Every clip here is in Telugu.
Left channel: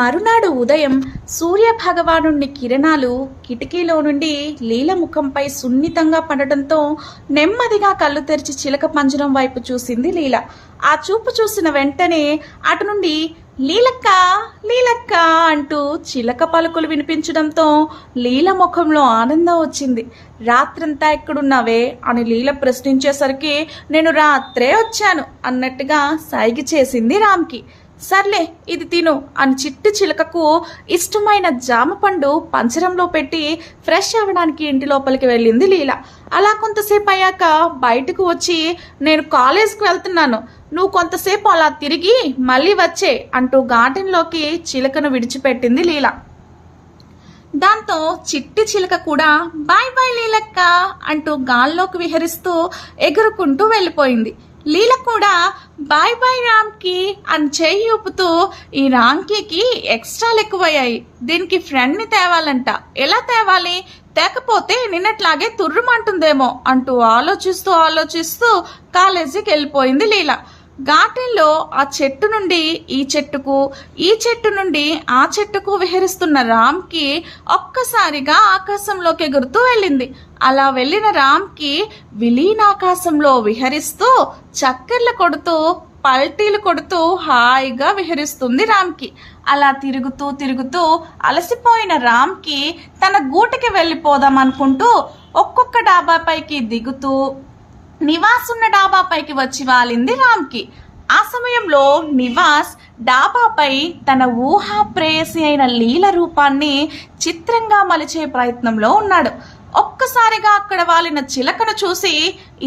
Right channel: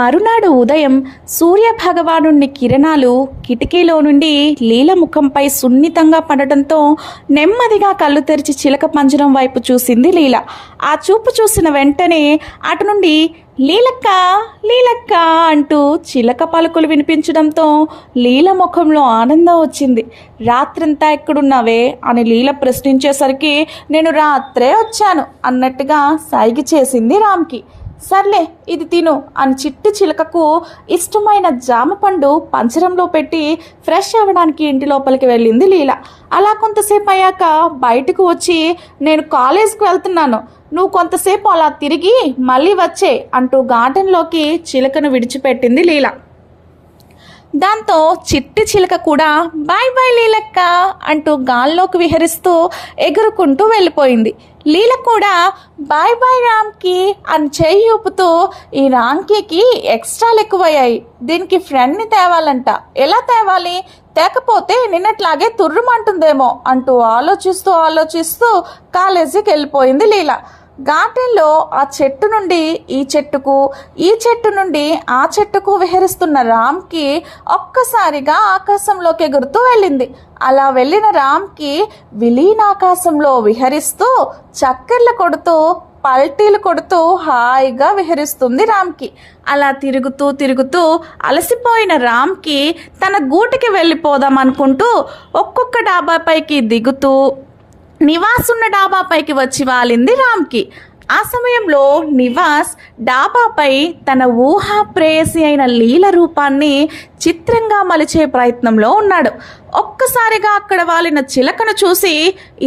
మరునాడు ఉదయం సూర్యభగవాను కిరణాలు కిటికీలో నుండి లీల ముఖంపై సున్నితంగా పడటంతో నెమ్మదిగా కళ్ళు తెరిచి చిలక పంజరం వైపు చూసింది లీల. ఆ చూపు చూసిన వెంటనే అటు నుండి లీలక్క లీలక్క అంటూ చిలక పలుకులు వినిపించడంతో లీల ముఖంలో ఆనందం వచ్చింది. రాత్రంతా ఎక్కడున్నావే? అని లీల ప్రశ్నించేసరికి నేను రాత్రే వచ్చాను అన్నట్టుగా సైగి చేసింది రామ్కి. సర్లే ఇది తిను అని చిట్టి చిలకకు ఇష్టమైన జామ పండు పంచరంలో పెట్టి ఫ్రెష్ అవ్వడానికి ఇంటి లోపలికి వెళ్ళింది లీల. అలా కొంతసేపు అయ్యాక బయటకు వచ్చి నేను కాలేజ్కి వెళ్తున్నాను. నువ్వు కొంతసేపు అలా తిరిగి మళ్ళీ వచ్చే అంటూ గార్డెన్లోకి చిలకను విడిచిపెట్టింది లీల. దాంతో చిట్టి చిలక కూడా బాయ్ బాయ్ లీలక్క అంటూ గాల్లోకి విహరిస్తూ ఎగురుకుంటూ వెళ్ళిపోయింది. లీల కూడా బాయ్ బాయ్ రామ్కి అని చేయి ఊపుతూ ఈ రామ్కీకి ఎక్స్ట్రాలు ఎక్కువయ్యాయి. దీనికి ఫ్రెండ్ని తేవాలంట. ఎలా తేవాలి? తేకపోతే నిన్నట్లాగే తుర్రుమంటుందేమో అంటూ ఆలోచిస్తూ ఆలోచిస్తూ కాలేజీకి వెళ్ళిపోయింది లీల. గార్డెన్లో ఆ చెట్టు నుండి ఈ చెట్టుకు ఈ చెట్టు నుండి ఆ చెట్టుకు విహరిస్తున్న రామ్కి ఒక్కసారిగా ఆకాశంలోకి ఎగురుతూ వెళ్ళింది. అలా వెళ్ళిన రామ్కి విలీనాకాశంలో విహరిస్తూ చక్కెర్లు కొడుతూ పల్టీలు కొడుతూ హాయిగా విహరిస్తుంది రామ్కి. అలా తిరుగుతూ తిరుగుతూ అలసిపోయిన రామ్కి తన గూటికి వెళ్ళిపోదాం అనుకుంటూ ఒక్కొక్క డాబాపైకి దిగుతూ నివాస్ ఉన్న డాబాపైకి వచ్చి వాలింది రామ్కి. ఆ సమయంలో నివాస్ డాబాపై తన ఊహా ప్రేయసి అయిన లీల రూపాన్ని చిత్రంగా మలిచే ప్రయత్నంలో ఉన్నాడు. ఒక్కసారిగా అక్కడ వాలిన చిలకను చూసి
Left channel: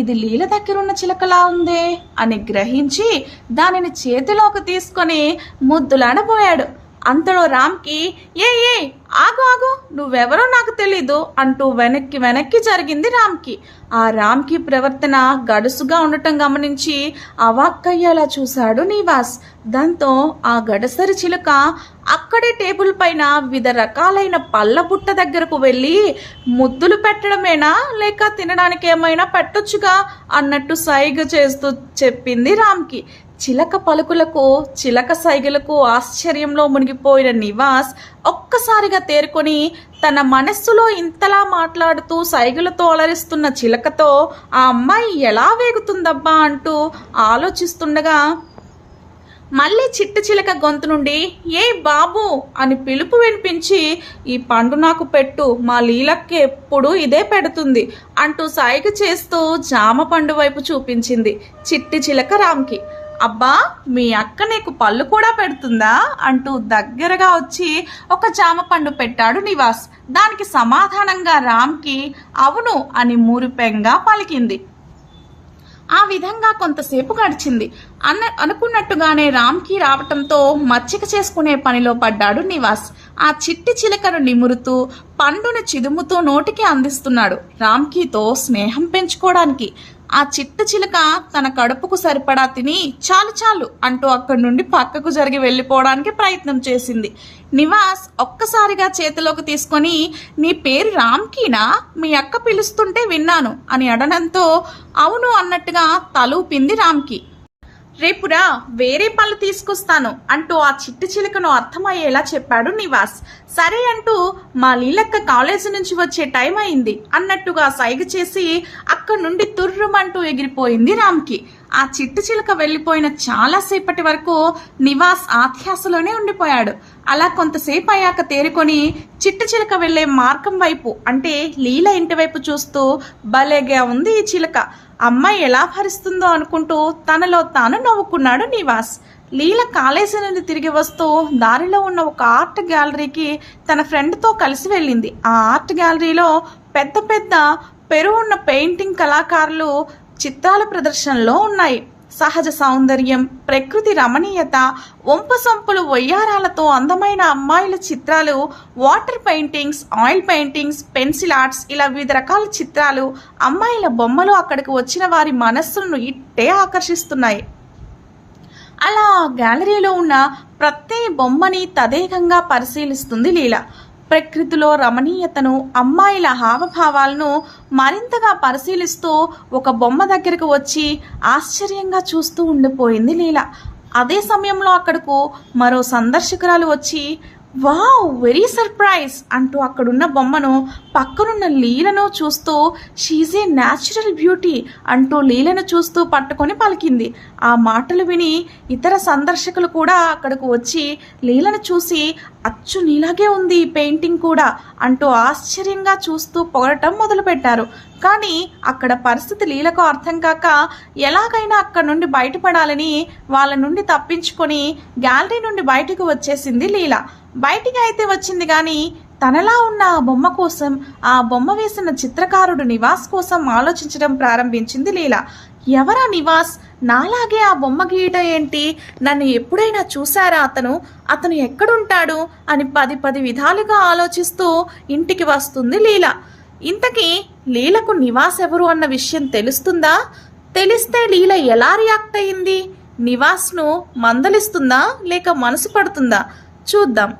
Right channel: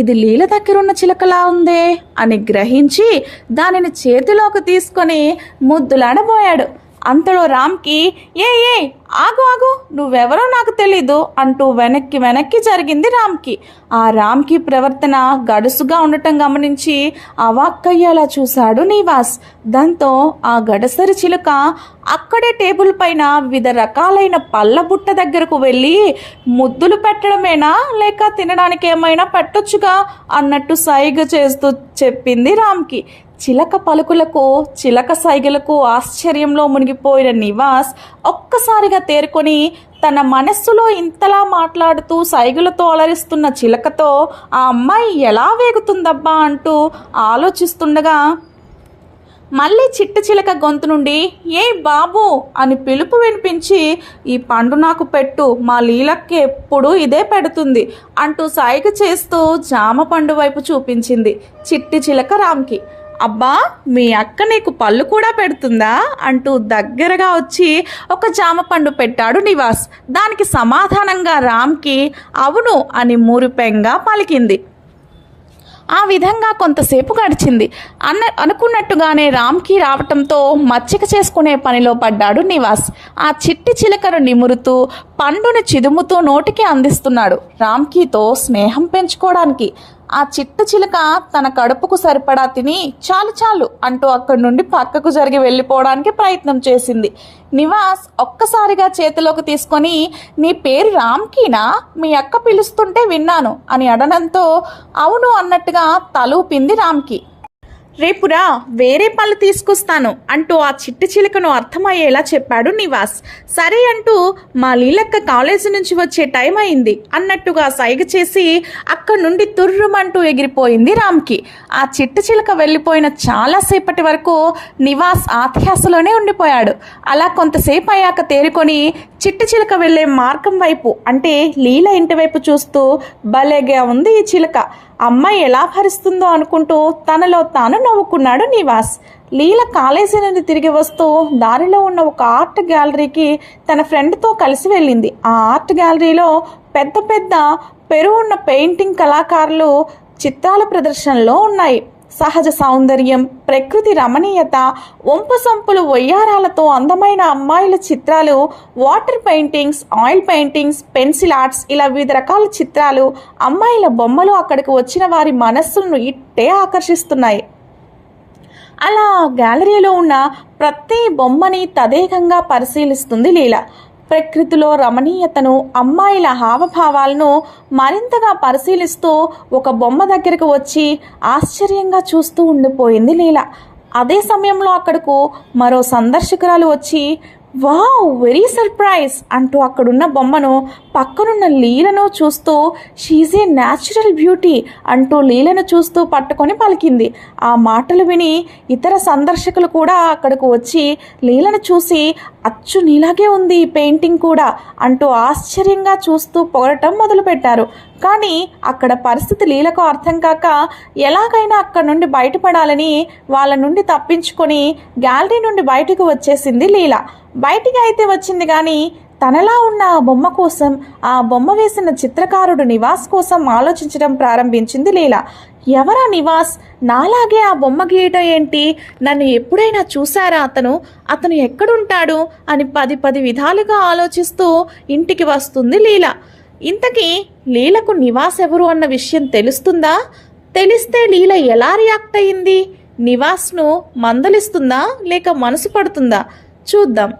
ఇది లీల దగ్గరున్న చిలకలా ఉందే అని గ్రహించి దానిని చేతిలోకి తీసుకొని ముద్దులాడబోయాడు. అంతలో రామ్కి ఏ ఏ ఆగు ఆగు నువ్వెవరో నాకు తెలీదు అంటూ వెనక్కి వెనక్కి జరిగింది రామ్కి. ఆ రామ్కి ప్రవర్తన గడుసుగా ఉండటం గమనించి అవాక్కయ్యేలా చూశాడు నివాస్. దాంతో ఆ గడసరి చిలుక అక్కడే టేబుల్ పైన వివిధ రకాలైన పళ్ళ బుట్ట దగ్గరకు వెళ్ళి ముద్దులు పెట్టడమేనా లేక తినడానికి ఏమైనా పెట్టొచ్చుగా అన్నట్టు సైగ చేస్తూ చెప్పింది రామ్కి. చిలక పలుకులకు చిలక సైగలకు ఆశ్చర్యంలో మునిగిపోయిన నివాస్ ఒక్కసారిగా తేరుకొని తన మనస్సులో ఇంతలా మాట్లాడుతూ సైగలతో అలరిస్తున్న చిలకతో ఆ అమ్మాయి ఎలా వేగుతుందబ్బా అంటూ ఆలోచిస్తుండగా మళ్ళీ చిట్ట చిలక గొంతు నుండి ఏ బాబు అని పిలుపు వినిపించి ఈ పండు నాకు పెట్టు మా లీలక్కి ఎప్పుడు ఇదే పెడుతుంది అంటూ సాయిగ చేస్తూ జామ పండు వైపు చూపించింది చిట్టి చిలక రామ్కి. అబ్బా మీ అక్క నీకు పళ్ళు కూడా పెడుతుందా? అంటూ దగ్గరగా వచ్చి ఒక జామ పండు పెట్టాడు నివాస్. దానికి సమాధానంగా రామ్కి అవును అని మురిపెంగా పలికింది. ఆ విధంగా కొంతసేపు గడిచింది. అన్న అనుకున్నట్టుగానే రామ్కి రావటంతో మచ్చిక చేసుకునే పనిలో పడ్డాడు నివాస్. ఆ చిట్టి చిలకను నిమురుతూ పండును చిదుముతూ నోటికి అందిస్తున్నాడు రామ్కీతో స్నేహం పెంచుకోవడానికి. ఆ చిట్ట చిలక తన కడుపుకు సరిపడా తిని చాలు చాలు అంటూ అక్కడి నుండి పక్కకు జరిగి వెళ్ళిపోవడానికి ప్రయత్నం చేసింది. నివాస్ ఒక్కసారిగా చేతిలోకి తీసుకొని నీ పేరు రామ్కీనా? మీ అక్క పిలుస్తుంటే విన్నాను అని అడనంతో అవును అన్నట్టుగా తలూపింది రామ్కి. రేపురా వేరే పళ్ళు తీసుకొస్తాను అంటూ ఆ చిట్టి చిలుకను అర్థమయ్యేలా చెప్పాడు నివాస్. సరే అంటూ మా లీలక్క కాలేజీ నుంచి వచ్చే టైం అయింది అన్నట్టుగా సైగ చేసి అక్కడి నుండి తుర్రుమంటూ ఎగిరిపోయింది రామ్కి. ఆ చిట్టి చిలుక వెళ్ళిపోయిన చాలాసేపటి వరకు నివాస్ ఆధ్యాసలోనే ఉండిపోయాడు. అలా కొంతసేపు అయ్యాక తేరుకొని చిట్టి చిలుక వెళ్ళే మార్గం వైపు అంటే లీల ఇంటి వైపు చూస్తూ భలేగా ఉంది ఈ చిలుక. అమ్మాయి ఎలా భరిస్తుందో అనుకుంటూ తనలో తాను నవ్వుకున్నాడు నివాస్. లీల కాలేజీ నుండి తిరిగి వస్తూ దారిలో ఉన్న ఒక ఆర్ట్ గ్యాలరీకి తన ఫ్రెండ్తో కలిసి వెళ్ళింది. ఆ ఆర్ట్ గ్యాలరీలో పెద్ద పెద్ద పెరువున్న పెయింటింగ్ కళాకారులు చిత్రాల ప్రదర్శనలో ఉన్నాయి. సహజ సౌందర్యం ప్రకృతి రమణీయత ఒంపసొంపులు వయ్యారాలతో అందమైన అమ్మాయిల చిత్రాలు water paintings oil paintings pencil arts ఇలా వివిధ రకాల చిత్రాలు అమ్మాయిల బొమ్మలు అక్కడికి వచ్చిన వారి మనస్సును ఇట్టే ఆకర్షిస్తున్నాయి. అలా గ్యాలరీలో ఉన్న ప్రతి బొమ్మని తదేకంగా పరిశీలిస్తుంది లీల. ప్రకృతిలో రమణీయతను అమ్మాయిల హావభావాలను మరింతగా పరిశీలిస్తూ ఒక బొమ్మ దగ్గరకు వచ్చి ఆశ్చర్యంగా చూస్తూ ఉండిపోయింది లీల. అదే సమయంలో అక్కడకు మరో సందర్శకురాలు వచ్చి వావ్ వెరీ సర్ప్రైజ్ అంటూ అక్కడున్న బొమ్మను పక్కనున్న లీలను చూస్తూ షీజ్ ఏ న్యాచురల్ బ్యూటీ అంటూ లీలను చూస్తూ పట్టుకొని పలికింది. ఆ మాటలు విని ఇతర సందర్శకులు కూడా అక్కడకు వచ్చి లీలను చూసి అచ్చు నీలాగే ఉంది ఈ పెయింటింగ్ కూడా అంటూ ఆశ్చర్యంగా చూస్తూ పొగడటం మొదలుపెట్టారు. కానీ అక్కడ పరిస్థితి లీలకు అర్థం కాక ఎలాగైనా అక్కడ నుండి బయటపడాలని వాళ్ళ నుండి తప్పించుకొని గ్యాలరీ నుండి బయటకు వచ్చేసింది లీల. బయటికి అయితే వచ్చింది కానీ తనలా ఉన్న ఆ బొమ్మ కోసం ఆ బొమ్మ వేసిన చిత్రకారుడు నివాస్ కోసం ఆలోచించడం ప్రారంభించింది లీల. ఎవరా నివాస్? నాలాగే ఆ బొమ్మ గీయట ఏంటి? నన్ను ఎప్పుడైనా చూశారా అతను? అతను ఎక్కడుంటాడు? అని పది పది విధాలుగా ఆలోచిస్తూ ఇంటికి వస్తుంది లీల. ఇంతకీ లీలకు నివాస్ ఎవరు అన్న విషయం తెలుస్తుందా? తెలిస్తే లీల ఎలా రియాక్ట్ అయ్యింది? నివాస్ను మందలిస్తుందా లేక మనసు పడుతుందా? చూద్దాం.